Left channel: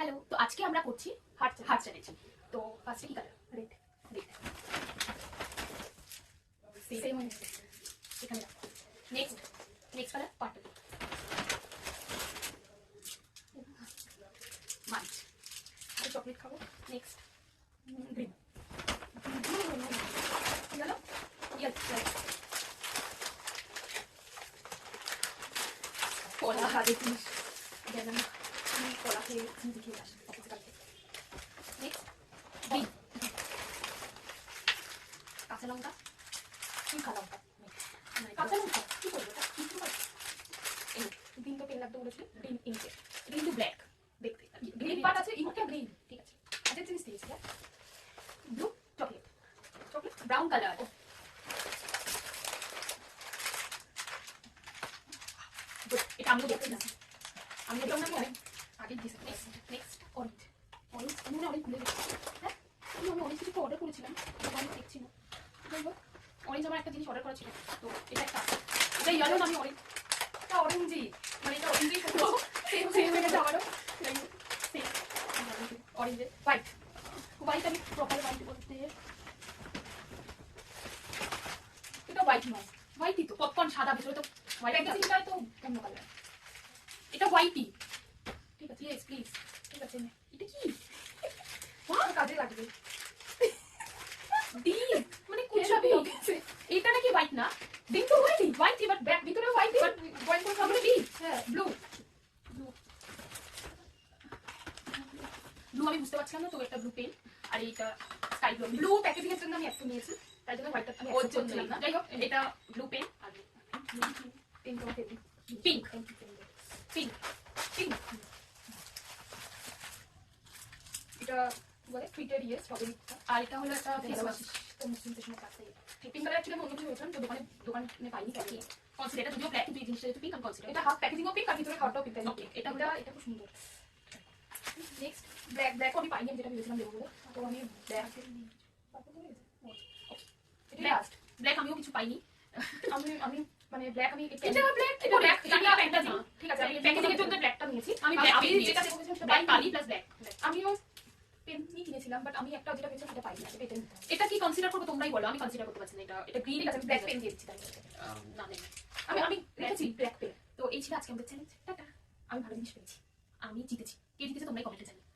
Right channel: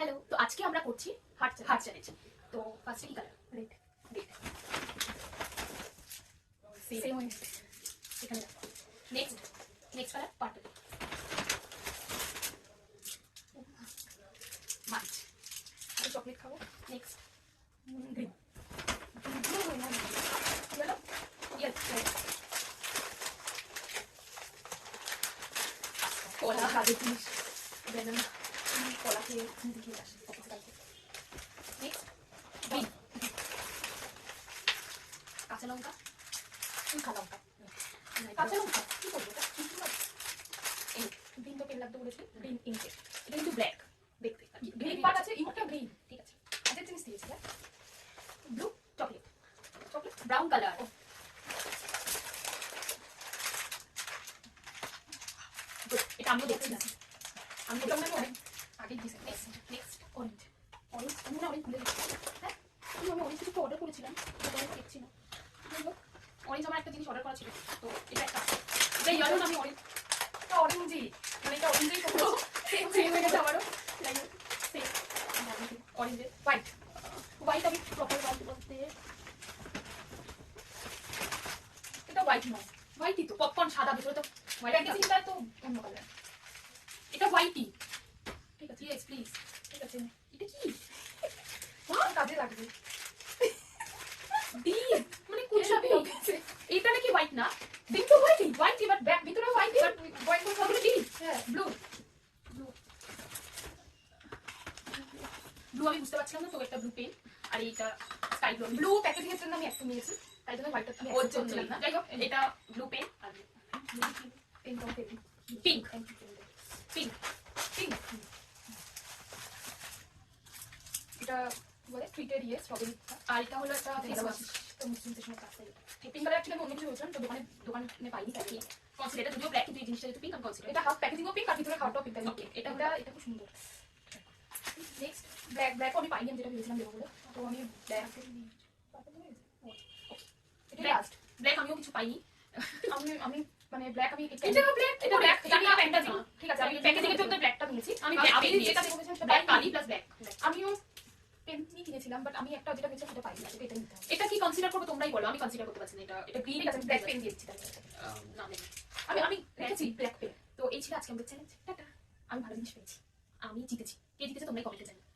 Hello, তো আজকে আমরা করছি হার্ট চ্যালেঞ্জ। তো ফার্স্টে কি কালার? রেড। রেড সেম হয়েছে এখানে। Next colour purple. মার্চ। চকলেট খাবো। Next green. ইয়েলো। কলা কাজে জিনিস ব্যানানা। কলা খেয়ে স্মুদি খেয়ে আসি অফিসে কালকে। নেক্সট বিন। কাঁচা লঙ্কা। কাঁচা লঙ্কা কি করবো? গ্রিন তো পেন লাগতে বলেছে। গ্রিন ইঙ্কের। এটা কিন্তু ব্ল্যাক দেখতে। গ্রিন পার্ট আছে, ইঙ্কটা গ্রিন। ঠিক আছে, কাজের জিনিস দিয়েছি। Blue chocolate. Brown colour. এটা আমিও দেখছি না, আমি এটা অনেক আগে দিয়েছি। Next orange. আমি মনে অনেক ভুলে গেছি। হ্যাঁ, আমি অরেঞ্জ কিছু অর্ডার করেছিলাম, আমি দেখছি না। অরেঞ্জ আমার একটা জিনিস অর্ডার করা ছিল, তো এটা একটা এটা ইয়েলো না, আমি অরেঞ্জই মানে এটা অরেঞ্জই করবো। সেম হয়ে গেছে আমারও। অরেঞ্জের হোয়াইট আমি প্রপার হোয়াইট বলতে এটা হোয়াইট নয়, হোয়াইটই তো। পপকর্ন সাদা, ভেতরে তো হোয়াইট। প্যাকেজিংটা তো অন্য কালার। এটা হোয়াইটই। ঠিক আছে, ইয়েস প্লিজ। ঠিক আছে, এটা কি কাজে লাগবে? ডিপ মানে কুচি গেছে। এটা নাকি হোয়াইট না? ডিপ তো হোয়াইটই বাট ব্যাক ভিতরে হোয়াইট, বাট হোয়াইট করে সবগুলো ডিপ। হ্যাঁ, ব্লু আমি বুঝতে পারছিলাম না, তো একটা ব্লু পেন। আর এইটা স্কাই ব্লু প্যাকেজিং এর জন্য আমি একটু নিয়েছি, তাই জন্য হোয়াইটটা আমি ওর জন্য না। যাই হোক, এটা ব্লু পেন আর পিঙ্ক। পিঙ্ক পিঙ্ক পিঙ্ক এটা বলে টুইটার ইয়ে স্ট্রবেরি। আর এটা হলো একটা ফেস ওয়াশ। তো মুসলিমদের সময় কাটতে পিঙ্ক কালার অ্যাকচুয়ালি আমি অন্য কিছু বলছিলাম, তো দোকানে পাইনি। তাই কনসিডার এটা যদিও ব্ল্যাক, কিন্তু এই জিনিসটা যেহেতু পিঙ্ক আমি কনসিডার। এটা হাফ প্যাকেজিংও পিঙ্ক আর ভিতরে খাওয়াটাও পিঙ্ক। ওকে, এটা খুব সুন্দর। নেক্সট ব্ল্যাক আমি পাইনি, যেটা ভেবেছিলাম দেবো বলে, তো আমি ব্ল্যাক এটা লাস্ট। ব্ল্যাক আমিও কিছু পাইনি। আমি মানে ব্ল্যাক আমি এটা ব্ল্যাক এটা ফ্যান্টাসি। ঠিক আছে, আমি প্যাকেজিং এর জন্য ব্ল্যাকটা নিয়েছি। আমি যেটা দেখেছিলাম সেটা ব্ল্যাক কালি প্লাস ব্ল্যাক। আমিও পেন কিনেছিলাম, বাট আমি একটা যেটা পেয়েছিলাম সেটা পাইনি। এটা নিতে হবে। এটা কি কনসিডার করবে তোমরাই বলো, আমি কনসিডার করতে পারছি না। এটা গ্রিন আছে, ব্ল্যাক পেন দিয়ে দিচ্ছি। না আমি রেখেছি ব্ল্যাক পেন। তো এই ছিল আজকে আমাদের চ্যালেঞ্জ। টাটা। আমি ভালো জিনিস পেয়েছি, আমি জিতেছি। কে জিতেছে তোমরাই কমেন্টে জানাও।